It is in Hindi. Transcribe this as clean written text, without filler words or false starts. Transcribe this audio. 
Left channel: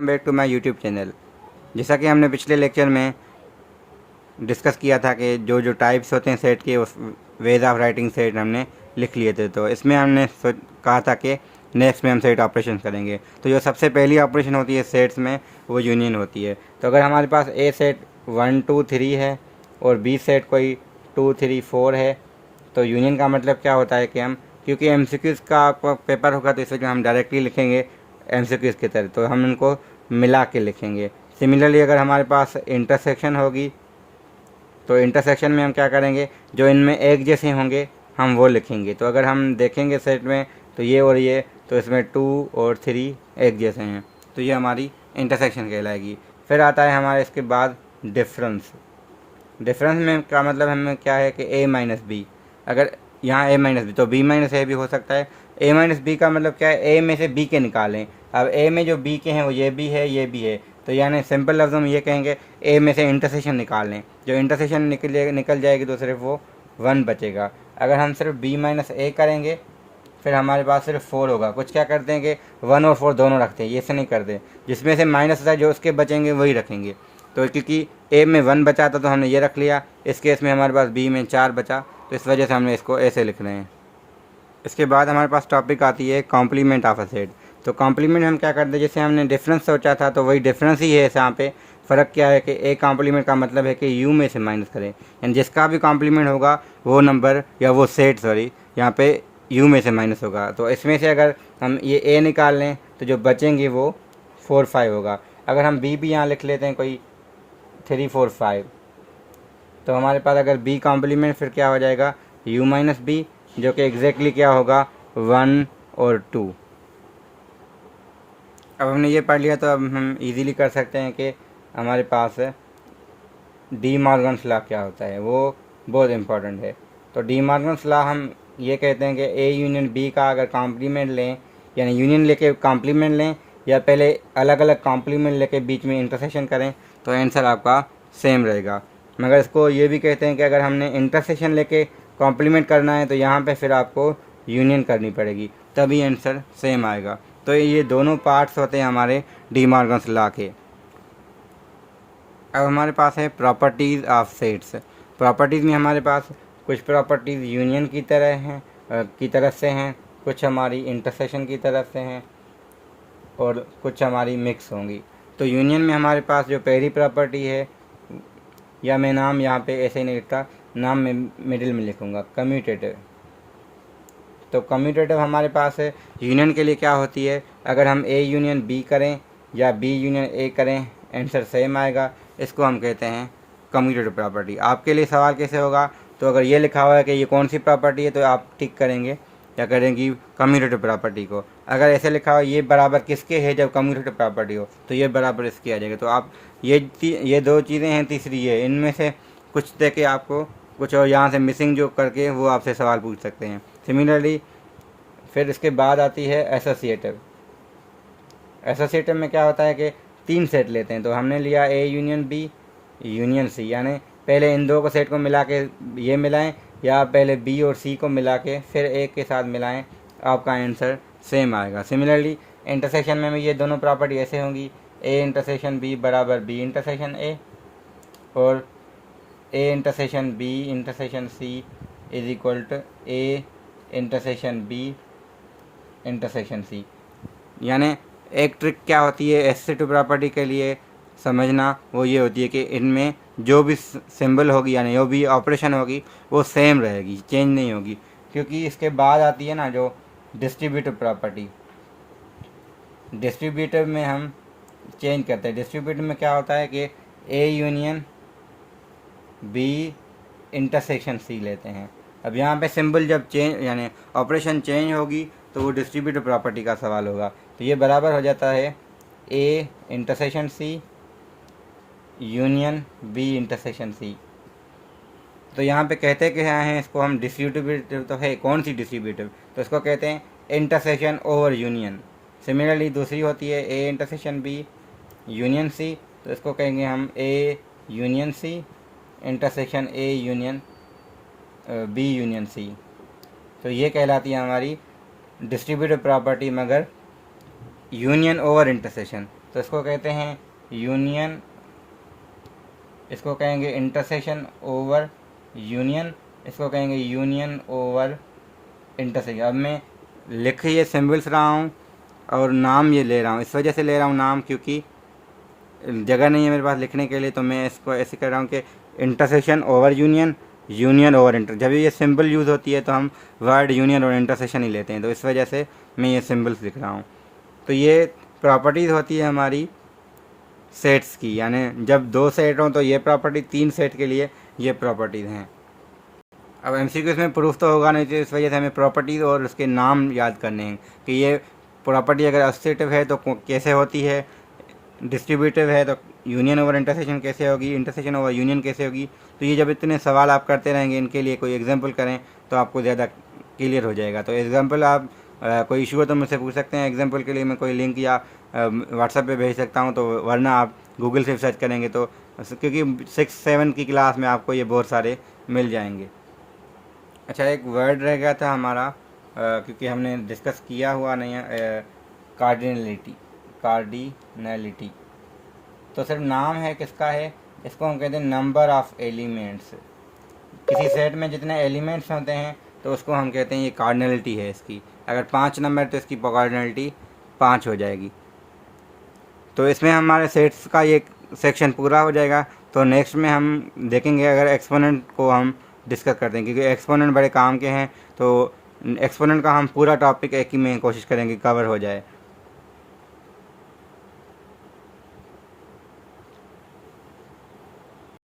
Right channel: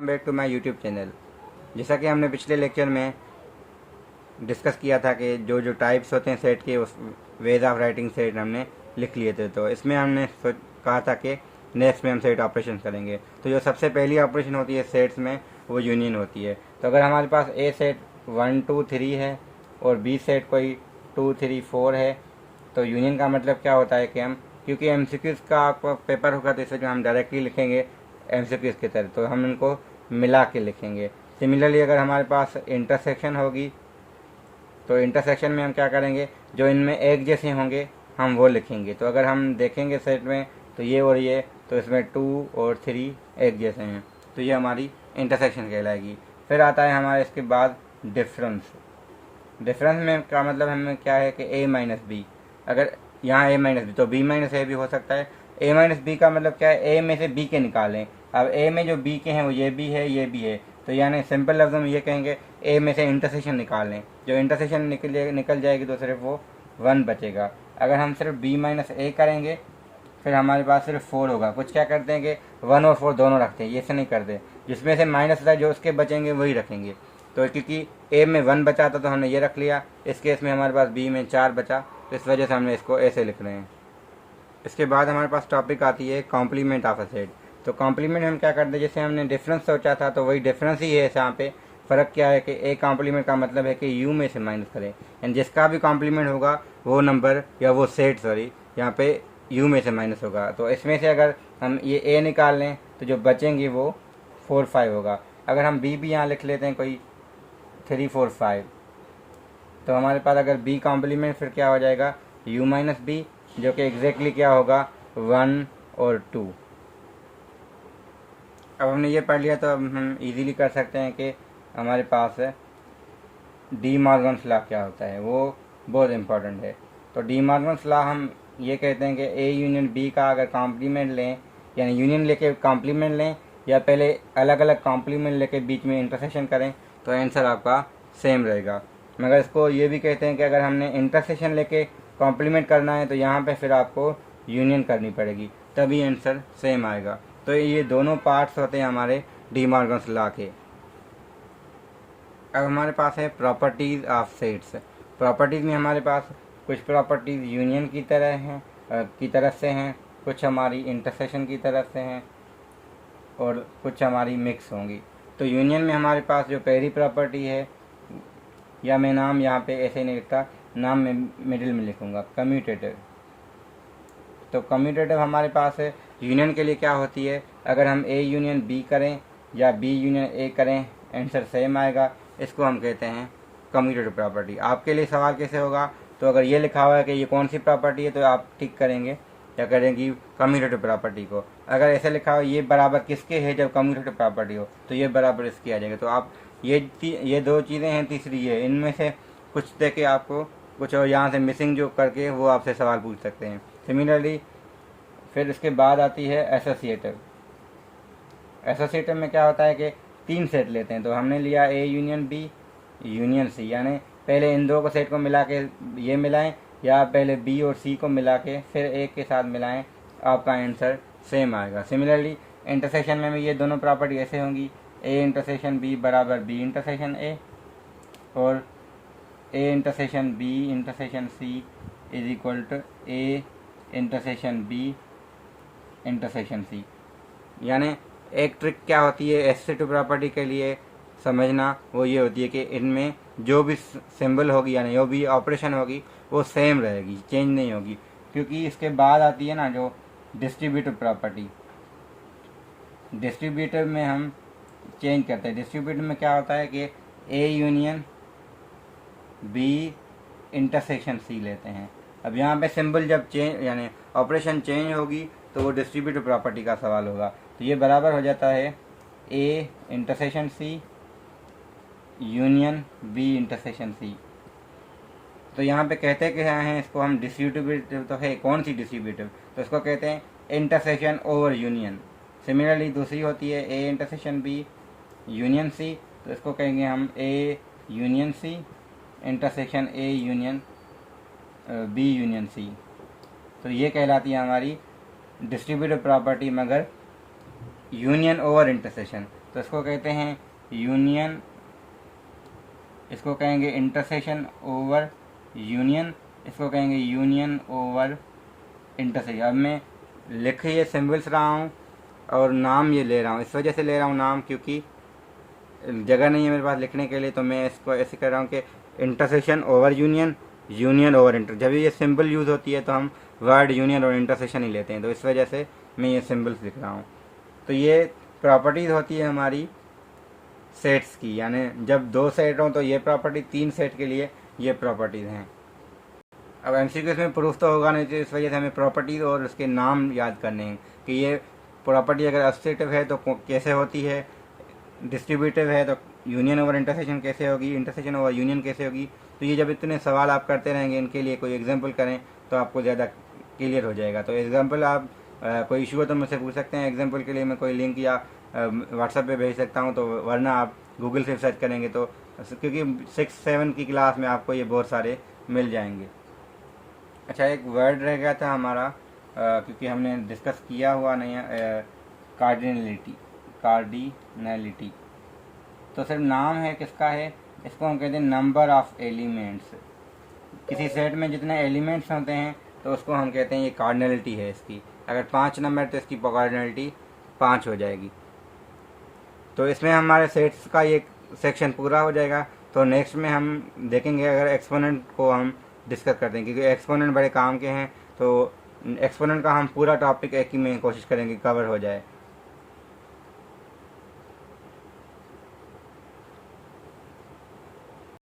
Back to my YouTube channel. जैसा कि हमने पिछले लेक्चर में डिस्कस किया था कि जो जो टाइप्स होते हैं सेट के, उस वेज ऑफ राइटिंग सेट हमने लिख लिए थे। तो इसमें हमने कहा था कि नेक्स्ट में हम सेट ऑपरेशन करेंगे। तो जो सबसे पहली ऑपरेशन होती है सेट्स में, वो यूनियन होती है। तो अगर हमारे पास ए सेट 1 2 3 है और बी सेट कोई 2 3 4 है, तो यूनियन का मतलब क्या होता है कि हम, क्योंकि एमसीक्यूज़ का आपका पेपर होगा तो इसमें हम डायरेक्टली लिखेंगे एमसीक्यूज़ की तरह, तो हम इनको मिला के लिखेंगे। सिमिलरली अगर हमारे पास इंटरसेक्शन होगी तो इंटरसेक्शन में हम क्या करेंगे, जो इनमें एक जैसे होंगे हम वो लिखेंगे। तो अगर हम देखेंगे सेट में तो ये और ये, तो इसमें 2 और 3 एक जैसे हैं, तो ये हमारी इंटरसेक्शन कहलाएगी। फिर आता है हमारे इसके बाद डिफरेंस। डिफरेंस में का मतलब हमें क्या है कि a माइनस बी। अगर यहाँ a माइनस बी तो b माइनस ए भी हो सकता है। a माइनस बी का मतलब क्या है, a में से b के निकालें। अब a में जो b के हैं वो ये भी है, ये भी है, तो यानी सिंपल लफ्ज़ में ये कहेंगे a में से इंटरसेक्शन निकाल लें। जो इंटरसेक्शन निकल जाएगी तो सिर्फ वो 1 बचेगा। अगर हम सिर्फ b माइनस ए करेंगे फिर हमारे पास सिर्फ 4 होगा। कुछ क्या करते हैं कि 1 और 4 दोनों रखते हैं, ये से नहीं करते, जिसमें से माइनस होता है जो उसके बचेंगे वही रखेंगे। तो क्योंकि ए में 1 बचा था तो हमने ये रख लिया, इस केस में हमारे पास बी में 4 बचा, तो इस वजह से हमने इसको ऐसे लिख रहे हैं। इसके बाद हमारे पास टॉपिक आती है कॉम्प्लीमेंट ऑफ अ सेट। तो कॉम्प्लीमेंट हम क्या करते हैं, जैसे हमने डिफरेंस सोचा था तो वही डिफरेंस ही है यहाँ पे। फ़र्क क्या है कि ए कॉम्प्लीमेंट का मतलब है कि यू में से माइनस करें, यानी जिसका भी कॉम्प्लीमेंट होगा वो नंबर या वो सेट यहाँ पे यू में से माइनस होगा। तो इसमें से अगर हम ये ए निकाल लें तो जो बचेंगे वो 4 5 होगा। अगर हम बी भी यहाँ लिख लेते हैं कोई 3 4 5, तो हमारे पास अगर बी कॉम्प्लीमेंट फिर क्या हो जाएगा, u माइनस बी, जो कि एग्जैक्टली क्या होगा 1 और 2। अब हमने ये पढ़ लिया तो अब हम इजीली कर सकते हैं कि हमारे पास डी मॉर्गन्स लॉ क्या होता है, वो बहुत इम्पोर्टेंट है। तो डी मॉर्गन्स लॉ हम ये कहते हैं कि ए यूनियन बी का अगर कॉम्प्लीमेंट लें, यानी यूनियन लेके कॉम्प्लीमेंट लें या पहले अलग अलग कॉम्प्लीमेंट लेके बीच में इंटरसेक्शन करें, तो आंसर आपका सेम रहेगा। मगर इसको ये भी कहते हैं कि अगर हमने इंटरसेक्शन लेके कॉम्प्लीमेंट करना है तो यहाँ पे फिर आपको यूनियन करनी पड़ेगी, तभी आंसर सेम आएगा। तो ये दोनों पार्ट्स होते हैं हमारे डी मॉर्गन्स लॉ के। अब हमारे पास है प्रॉपर्टीज़ ऑफ सेट्स। प्रॉपर्टीज़ में हमारे पास कुछ प्रॉपर्टीज़ यूनियन की तरह हैं, की तरफ से हैं, कुछ हमारी इंटरसेक्शन की तरफ से हैं और कुछ हमारी मिक्स होंगी। तो यूनियन में हमारे पास जो पहली प्रॉपर्टी है, या मैं नाम यहाँ पे ऐसे ही नहीं लिखता, नाम में मिडिल में लिखूँगा, कम्यूटेटिव। तो कम्यूटेटिव हमारे पास है यूनियन के लिए क्या होती है, अगर हम ए यूनियन बी करें या बी यूनियन ए करें आंसर सेम आएगा। इसको हम कहते हैं कम्यूटेटिव प्रॉपर्टी। आपके लिए सवाल कैसे होगा, तो अगर ये लिखा हुआ है कि ये कौन सी प्रॉपर्टी है तो आप टिक करेंगे या करेंगी कम्यूटेटिव प्रॉपर्टी को। अगर ऐसे लिखा हुआ ये बराबर किसके है जब कम्यूटेटिव प्रॉपर्टी हो, तो ये बराबर इसकी आ जाएगी। तो आप ये दो चीज़ें हैं, तीसरी ये, इनमें से कुछ दे के आपको कुछ और यहाँ से मिसिंग जो करके वो आपसे सवाल पूछ सकते हैं। सिमिलरली फिर इसके बाद आती है एसोसिएटिव। एसोसिएटिव में क्या होता है कि 3 सेट लेते हैं, तो हमने लिया A union B union C, यानी पहले इन दो को सेट को मिला के ये मिलाएं या पहले बी और सी को मिला के फिर ए के साथ मिलाएं, आपका आंसर सेम आएगा। सिमिलरली इंटरसेक्शन में भी ये दोनों प्रॉपर्टी ऐसे होंगी, ए इंटरसेक्शन बी बराबर बी इंटरसेक्शन ए, और A intersection B intersection C is equal to A intersection B intersection C. यानी एक ट्रिक क्या होती है एसोसिएटिव प्रॉपर्टी के लिए समझना, वो ये होती है कि इनमें जो भी सिंबल होगी यानी जो भी ऑपरेशन होगी वो सेम रहेगी, चेंज नहीं होगी। क्योंकि इसके बाद आती है ना जो डिस्ट्रीब्यूटिव प्रॉपर्टी। डिस्ट्रीब्यूटिव में हम चेंज करते हैं। डिस्ट्रीब्यूटिव में क्या होता है कि A union B intersection C लेते हैं। अब यहाँ पे सिंबल जब चेंज यानी ऑपरेशन चेंज होगी तो वो डिस्ट्रीब्यूटिव प्रॉपर्टी का सवाल होगा। तो ये बराबर हो जाता है A intersection C union B intersection C. तो यहाँ पे कहते क्या हैं, इसको हम डिस्ट्रीब्यूटिव तो है, कौन सी डिस्ट्रीब्यूटिव, तो इसको कहते हैं इंटरसेक्शन ओवर यूनियन। सिमिलरली दूसरी होती है A intersection B union C, तो इसको कहेंगे हम A union C intersection A union B union C. तो ये कहलाती है हमारी डिस्ट्रीब्यूटिव प्रॉपर्टी, मगर यूनियन ओवर इंटरसेक्शन। तो इसको कहते हैं यूनियन, इसको कहेंगे इंटरसेक्शन ओवर यूनियन, इसको कहेंगे यूनियन ओवर इंटरसेक्शन। अब मैं लिख ये सिम्बल्स रहा हूँ और नाम ये ले रहा हूँ, इस वजह से ले रहा हूँ नाम क्योंकि जगह नहीं है मेरे पास लिखने के लिए, तो मैं इसको ऐसे कर रहा हूँ कि intersection over union, union over inter. जब ये सिंबल यूज़ होती है तो हम वर्ड यूनियन और इंटरसेक्शन ही लेते हैं, तो इस वजह से मैं ये सिंबल्स लिख रहा हूँ। तो ये प्रॉपर्टीज़ होती है हमारी सेट्स की, यानी जब 2 सेट हों तो ये प्रॉपर्टी, 3 सेट के लिए ये प्रॉपर्टीज़ हैं। अब एमसीक्यूज़ में प्रूफ तो होगा नहीं, तो इस वजह से हमें प्रॉपर्टीज़ और उसके नाम याद करने हैं कि ये प्रॉपर्टी अगर एसोसिएटिव है तो कैसे होती है, डिस्ट्रीब्यूटिव है तो यूनियन ओवर इंटरसेक्शन कैसे होगी, इंटरसेक्शन ओवर यूनियन कैसे होगी। तो ये जब इतने सवाल आप करते रहेंगे, इनके लिए कोई एग्जांपल करें तो आपको ज़्यादा क्लियर हो जाएगा। तो एग्जांपल आप कोई इशू हो तो मुझसे पूछ सकते हैं, एग्जांपल के लिए मैं कोई लिंक या व्हाट्सएप पे भेज सकता हूँ, तो वरना आप गूगल से सर्च करेंगे तो, क्योंकि 6-7 की क्लास में आपको ये बहुत सारे मिल जाएंगे। अच्छा, एक वर्ड रह गया था हमारा, क्योंकि हमने डिस्कस किया हुआ नहीं है, कार्डिनलिटी। कार्डिनलिटी तो सिर्फ नाम है, किसका है, इसको हम कहते हैं नंबर ऑफ एलिमेंट्स। किसी सेट में जितने एलिमेंट्स होते हैं तो उसको हम कहते हैं ये कार्डिनलिटी है इसकी। अगर 5 नंबर तो इसकी कार्डिनलिटी 5 हो जाएगी। तो इसमें हमारे सेट्स का ये सेक्शन पूरा हो जाएगा। तो नेक्स्ट में हम देखेंगे अगर एक्सपोनेंट को हम डिस्कस करते हैं, क्योंकि एक्सपोनेंट बड़े काम के हैं, तो एक्सपोनेंट का हम पूरा टॉपिक एक ही में कोशिश करेंगे कवर हो जाए।